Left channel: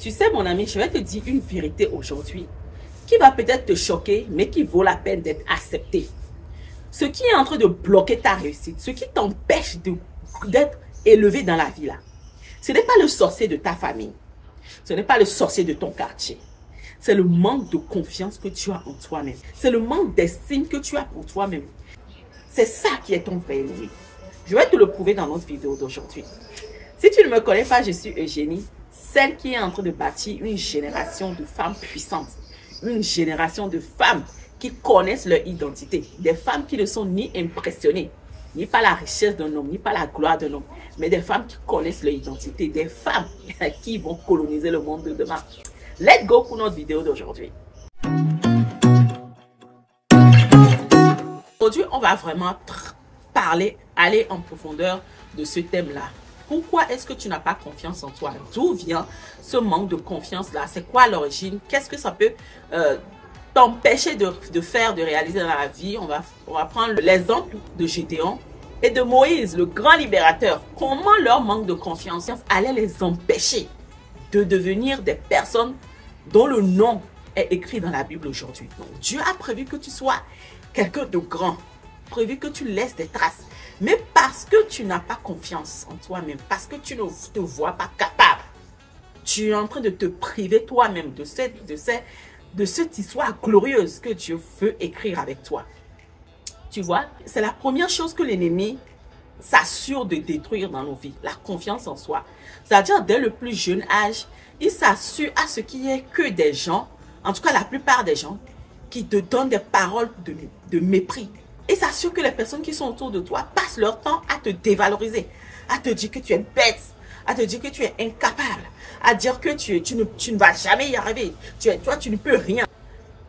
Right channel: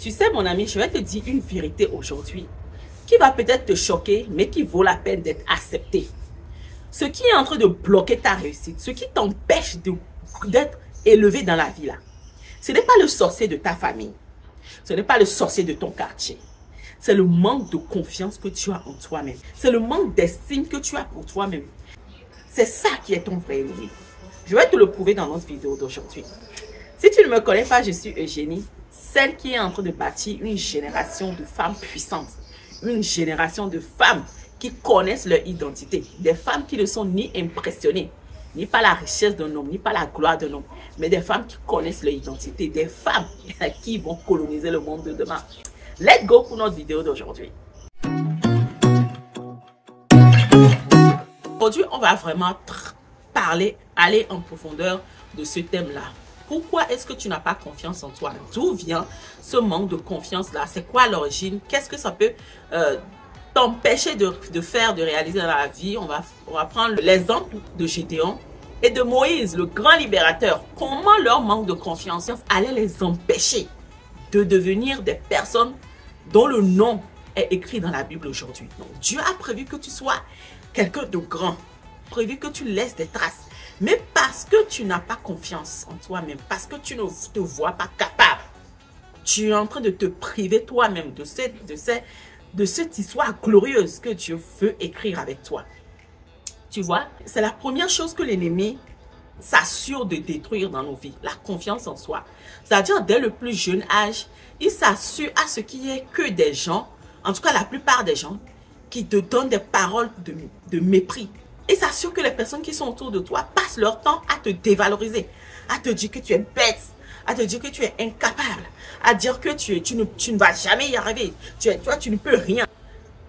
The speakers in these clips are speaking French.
Tu sais, mon ami, je vais te dire une vérité aujourd'hui qui va peut-être te choquer, mais qui vaut la peine d'être acceptée. Ce qui est en train de bloquer ta réussite, ce qui t'empêche d'être élevé dans la vie là, ce n'est pas le sorcier de ta famille, ce n'est pas le sorcier de ton quartier. C'est le manque de confiance que tu as en toi-même. C'est le manque d'estime que tu as pour toi-même. C'est ça qui est ton vrai ennemi. Je vais te le prouver dans notre vidéo d'aujourd'hui. Si tu ne me connais pas, je suis Eugénie, celle qui est en train de bâtir une génération de femmes puissantes. Une génération de femmes qui connaissent leur identité. Des femmes qui ne sont ni impressionnées, ni par la richesse d'un homme, ni par la gloire d'un homme, mais des femmes qui connaissent leur identité. Des femmes qui vont coloniser le monde de demain. Let's go pour notre vidéo d'aujourd'hui. Aujourd'hui, on va vraiment aller en profondeur de ce thème-là. Pourquoi est-ce que tu n'as pas confiance en toi? D'où vient ce manque de confiance-là? C'est quoi l'origine? Qu'est-ce que ça peut t'empêcher de faire, de réaliser dans la vie? On va prendre l'exemple de Gédéon et de Moïse, le grand libérateur. Comment leur manque de confiance allait les empêcher de devenir des personnes dont le nom est écrit dans la Bible aujourd'hui? Dieu a prévu que tu sois quelqu'un de grand, prévu que tu laisses des traces. Mais parce que tu n'as pas confiance en toi-même, parce que tu ne te vois pas capable, tu es en train de te priver toi-même de cette histoire glorieuse que Dieu veut écrire avec toi. Tu vois, c'est la première chose que l'ennemi s'assure de détruire dans nos vies, la confiance en soi. C'est-à-dire, dès le plus jeune âge, il s'assure à ce qu'il n'y ait que des gens, en tout cas la plupart des gens, qui te donnent des paroles de mépris. Et s'assure que les personnes qui sont autour de toi passent leur temps à te dévaloriser, à te dire que tu es bête, à te dire que tu es incapable, à dire que tu ne vas jamais y arriver, toi tu ne peux rien.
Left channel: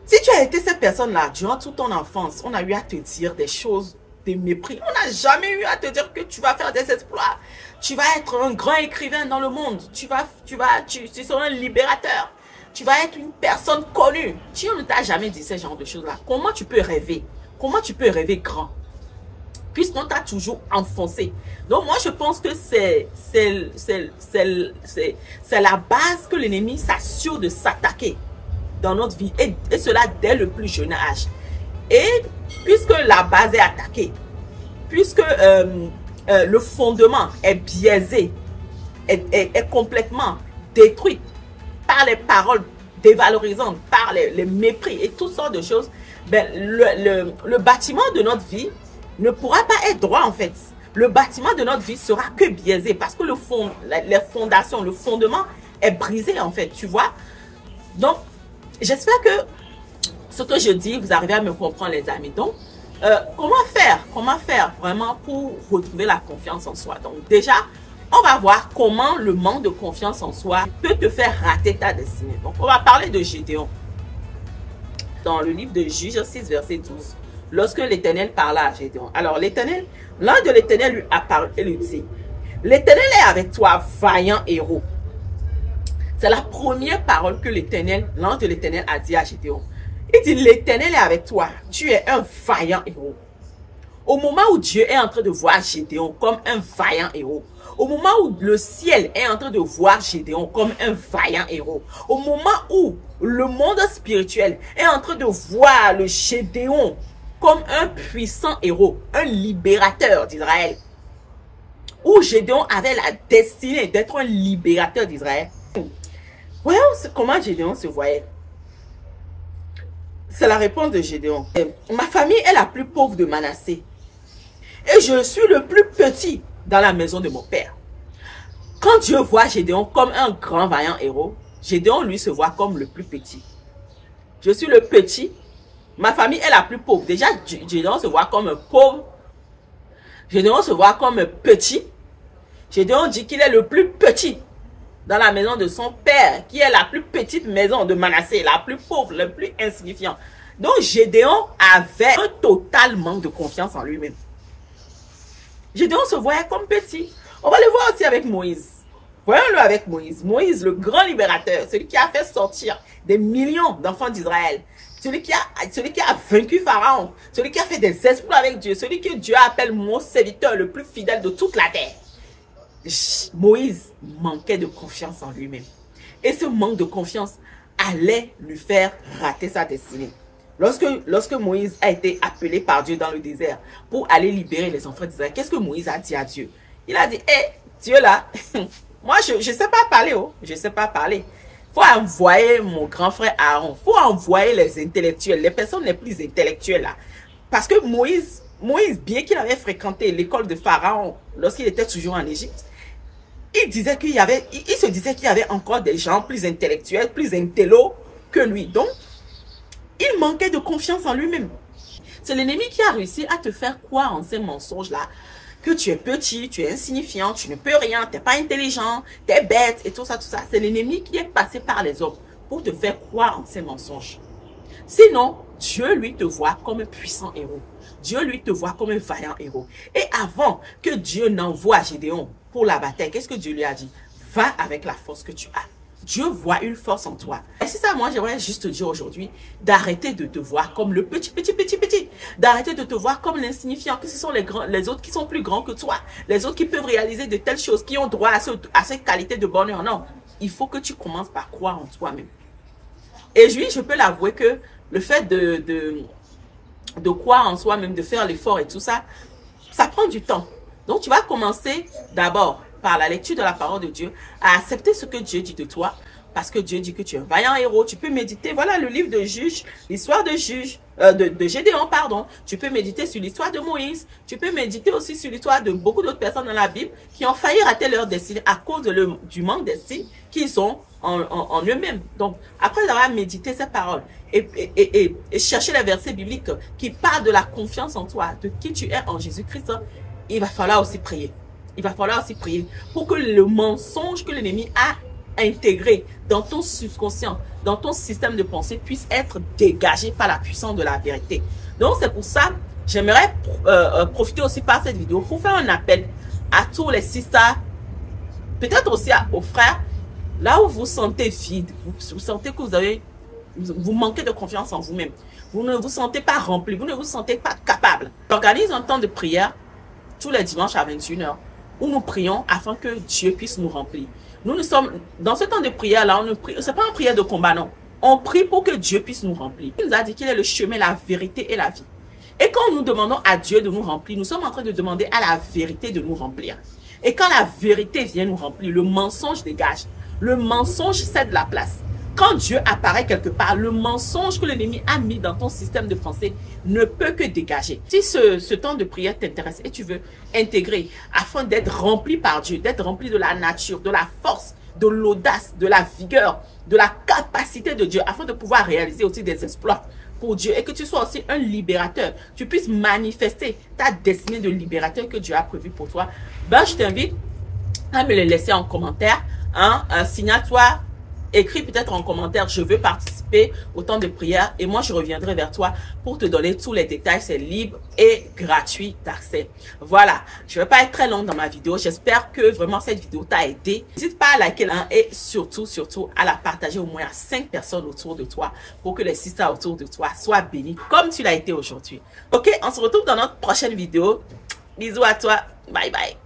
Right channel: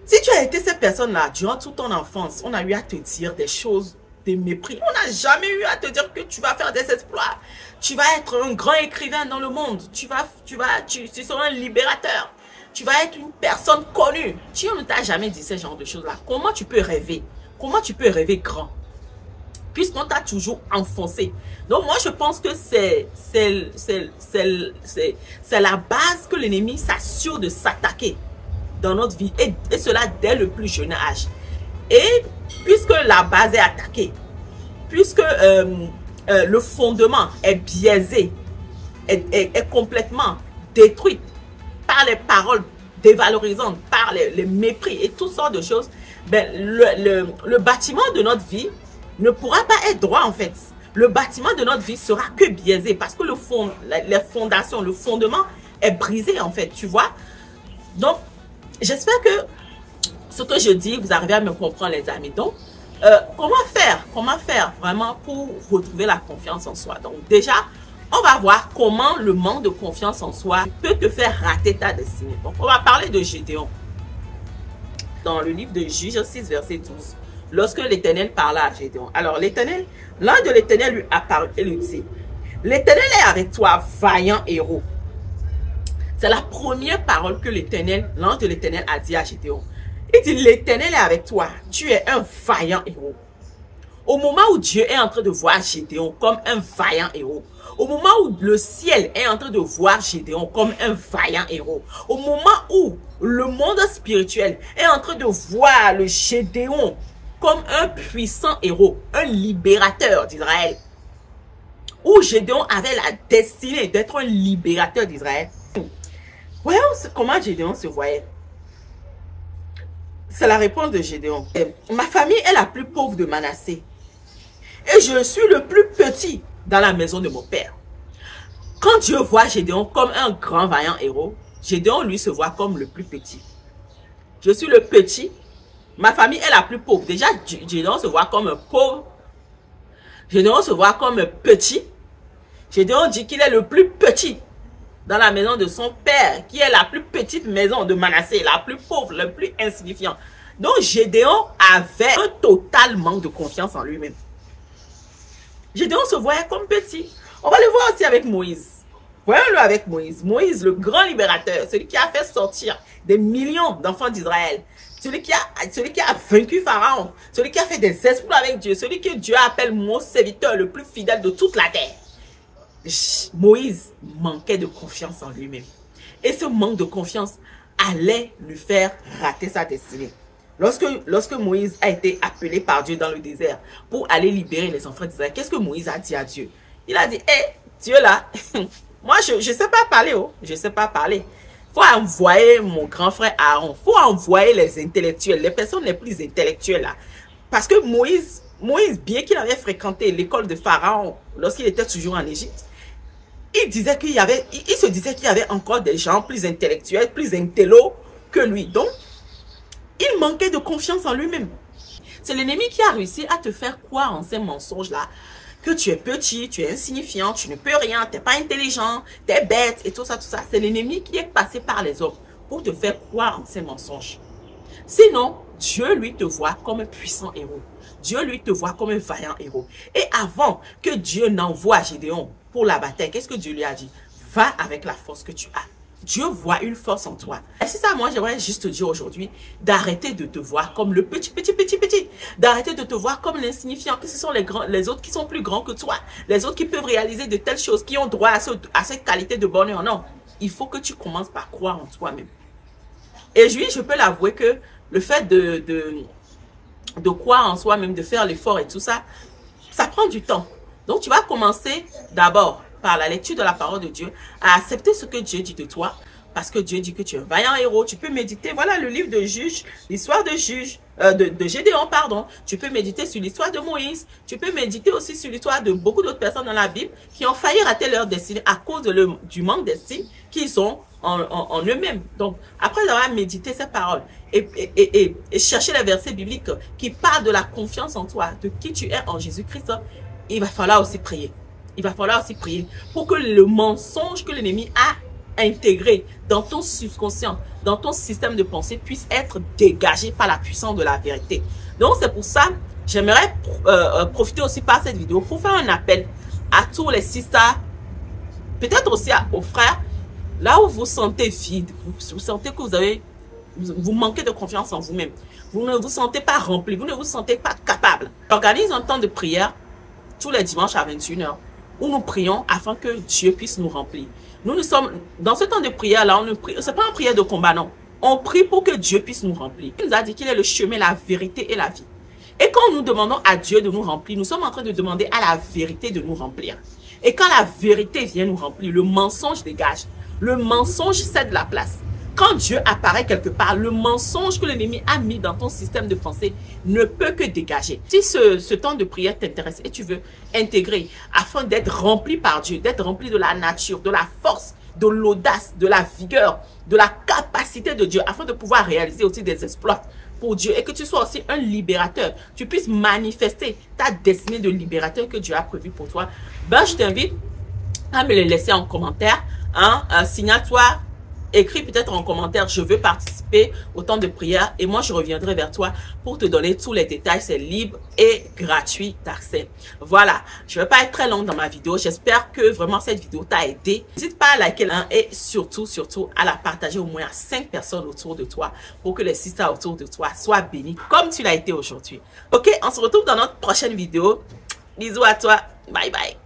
Si tu as été cette personne-là durant toute ton enfance, on a eu à te dire des choses de mépris. On n'a jamais eu à te dire que tu vas faire des exploits, tu vas être un grand écrivain dans le monde, tu seras un libérateur, tu vas être une personne connue. Si on ne t'a jamais dit ce genre de choses-là, comment tu peux rêver? Comment tu peux rêver grand? Puisqu'on t'a toujours enfoncé. Donc moi je pense que c'est la base que l'ennemi s'assure de s'attaquer dans notre vie. Et cela dès le plus jeune âge. Et puisque la base est attaquée, puisque le fondement est biaisé, est complètement détruit par les paroles dévalorisantes, par les mépris et toutes sortes de choses, ben, le bâtiment de notre vie ne pourra pas être droit en fait. Le bâtiment de notre vie sera que biaisé parce que les fondations, le fondement est brisé en fait, tu vois. Donc, j'espère que ce que je dis, vous arrivez à me comprendre les amis. Donc, comment faire vraiment pour retrouver la confiance en soi? Donc déjà, on va voir comment le manque de confiance en soi peut te faire rater ta destinée. Donc, on va parler de Gédéon. Dans le livre de Juges 6, verset 12, lorsque l'Éternel parla à Gédéon. Alors, l'ange de l'Éternel lui apparut et lui dit, l'Éternel est avec toi, vaillant héros. C'est la première parole que l'ange de l'Éternel a dit à Gédéon. Il dit, l'Éternel est avec toi, tu es un vaillant héros. Au moment où Dieu est en train de voir Gédéon comme un vaillant héros, au moment où le ciel est en train de voir Gédéon comme un vaillant héros, au moment où le monde spirituel est en train de voir le Gédéon comme un puissant héros, un libérateur d'Israël, où Gédéon avait la destinée d'être un libérateur d'Israël. Voyons comment Gédéon se voyait. C'est la réponse de Gédéon. Ma famille est la plus pauvre de Manassé. Et je suis le plus petit dans la maison de mon père. Quand Dieu voit Gédéon comme un grand vaillant héros, Gédéon lui se voit comme le plus petit. Je suis le petit. Ma famille est la plus pauvre. Déjà, Gédéon se voit comme un pauvre. Gédéon se voit comme un petit. Gédéon dit qu'il est le plus petit dans la maison de son père, qui est la plus petite maison de Manassé, la plus pauvre, le plus insignifiant. Donc Gédéon avait un total manque de confiance en lui-même. Gédéon se voyait comme petit. On va le voir aussi avec Moïse. Voyons-le avec Moïse. Moïse, le grand libérateur, celui qui a fait sortir des millions d'enfants d'Israël. Celui qui a vaincu Pharaon. Celui qui a fait des exploits avec Dieu. Celui que Dieu appelle mon serviteur le plus fidèle de toute la terre. Moïse manquait de confiance en lui-même. Et ce manque de confiance allait lui faire rater sa destinée. Lorsque Moïse a été appelé par Dieu dans le désert pour aller libérer les enfants d'Israël, qu'est-ce que Moïse a dit à Dieu? Il a dit, hé, Dieu là, moi je ne sais pas parler, oh, je ne sais pas parler. Il faut envoyer mon grand frère Aaron, il faut envoyer les intellectuels, les personnes les plus intellectuelles là. Parce que Moïse, bien qu'il avait fréquenté l'école de Pharaon lorsqu'il était toujours en Égypte, il se disait qu'il y avait encore des gens plus intellectuels, plus intello que lui. Donc, il manquait de confiance en lui-même. C'est l'ennemi qui a réussi à te faire croire en ces mensonges-là, que tu es petit, tu es insignifiant, tu ne peux rien, tu n'es pas intelligent, tu es bête et tout ça, tout ça. C'est l'ennemi qui est passé par les hommes pour te faire croire en ces mensonges. Sinon, Dieu, lui, te voit comme un puissant héros. Dieu, lui, te voit comme un vaillant héros. Et avant que Dieu n'envoie Gédéon pour la bataille, qu'est-ce que Dieu lui a dit? Va avec la force que tu as. Dieu voit une force en toi. Et c'est ça, moi, j'aimerais juste te dire aujourd'hui d'arrêter de te voir comme le petit. D'arrêter de te voir comme l'insignifiant, que ce sont les autres qui sont plus grands que toi. Les autres qui peuvent réaliser de telles choses, qui ont droit à cette qualité de bonheur. Non, il faut que tu commences par croire en toi-même. Et oui, je peux l'avouer que le fait de croire en soi-même, de faire l'effort et tout ça, ça prend du temps. Donc, tu vas commencer d'abord par la lecture de la parole de Dieu, à accepter ce que Dieu dit de toi, parce que Dieu dit que tu es un vaillant héros. Tu peux méditer, voilà le livre de Juge, l'histoire de Gédéon, pardon. Tu peux méditer sur l'histoire de Moïse. Tu peux méditer aussi sur l'histoire de beaucoup d'autres personnes dans la Bible qui ont failli rater leur destinée à cause du manque d'estime qu'ils ont en eux-mêmes. Donc, après avoir médité ces paroles et chercher les versets bibliques qui parlent de la confiance en toi, de qui tu es en Jésus-Christ, il va falloir aussi prier. Il va falloir aussi prier pour que le mensonge que l'ennemi a intégré dans ton subconscient, dans ton système de pensée, puisse être dégagé par la puissance de la vérité. Donc, c'est pour ça, j'aimerais profiter aussi par cette vidéo pour faire un appel à tous les sisters, peut-être aussi aux frères, là où vous sentez vide, vous sentez que vous manquez de confiance en vous-même, vous ne vous sentez pas rempli, vous ne vous sentez pas capable. Organise un temps de prière tous les dimanches à 21 h où nous prions afin que Dieu puisse nous remplir. Nous sommes dans ce temps de prière là, ce n'est pas une prière de combat, non. On prie pour que Dieu puisse nous remplir. Il nous a dit qu'il est le chemin, la vérité et la vie. Et quand nous demandons à Dieu de nous remplir, nous sommes en train de demander à la vérité de nous remplir. Et quand la vérité vient nous remplir, le mensonge dégage. Le mensonge cède la place. Quand Dieu apparaît quelque part, le mensonge que l'ennemi a mis dans ton système de pensée ne peut que dégager. Si ce temps de prière t'intéresse et tu veux intégrer afin d'être rempli par Dieu, d'être rempli de la nature, de la force, de l'audace, de la vigueur, de la capacité de Dieu, afin de pouvoir réaliser aussi des exploits pour Dieu et que tu sois aussi un libérateur, tu puisses manifester ta destinée de libérateur que Dieu a prévu pour toi, ben je t'invite à me le laisser en commentaire. Signale-toi. Écris peut-être en commentaire, je veux participer au temps de prière et moi je reviendrai vers toi pour te donner tous les détails. C'est libre et gratuit d'accès. Voilà, je ne vais pas être très longue dans ma vidéo. J'espère que vraiment cette vidéo t'a aidé. N'hésite pas à liker et surtout à la partager au moins à 5 personnes autour de toi pour que les sisters autour de toi soient bénis comme tu l'as été aujourd'hui. Ok, on se retrouve dans notre prochaine vidéo. Bisous à toi. Bye bye.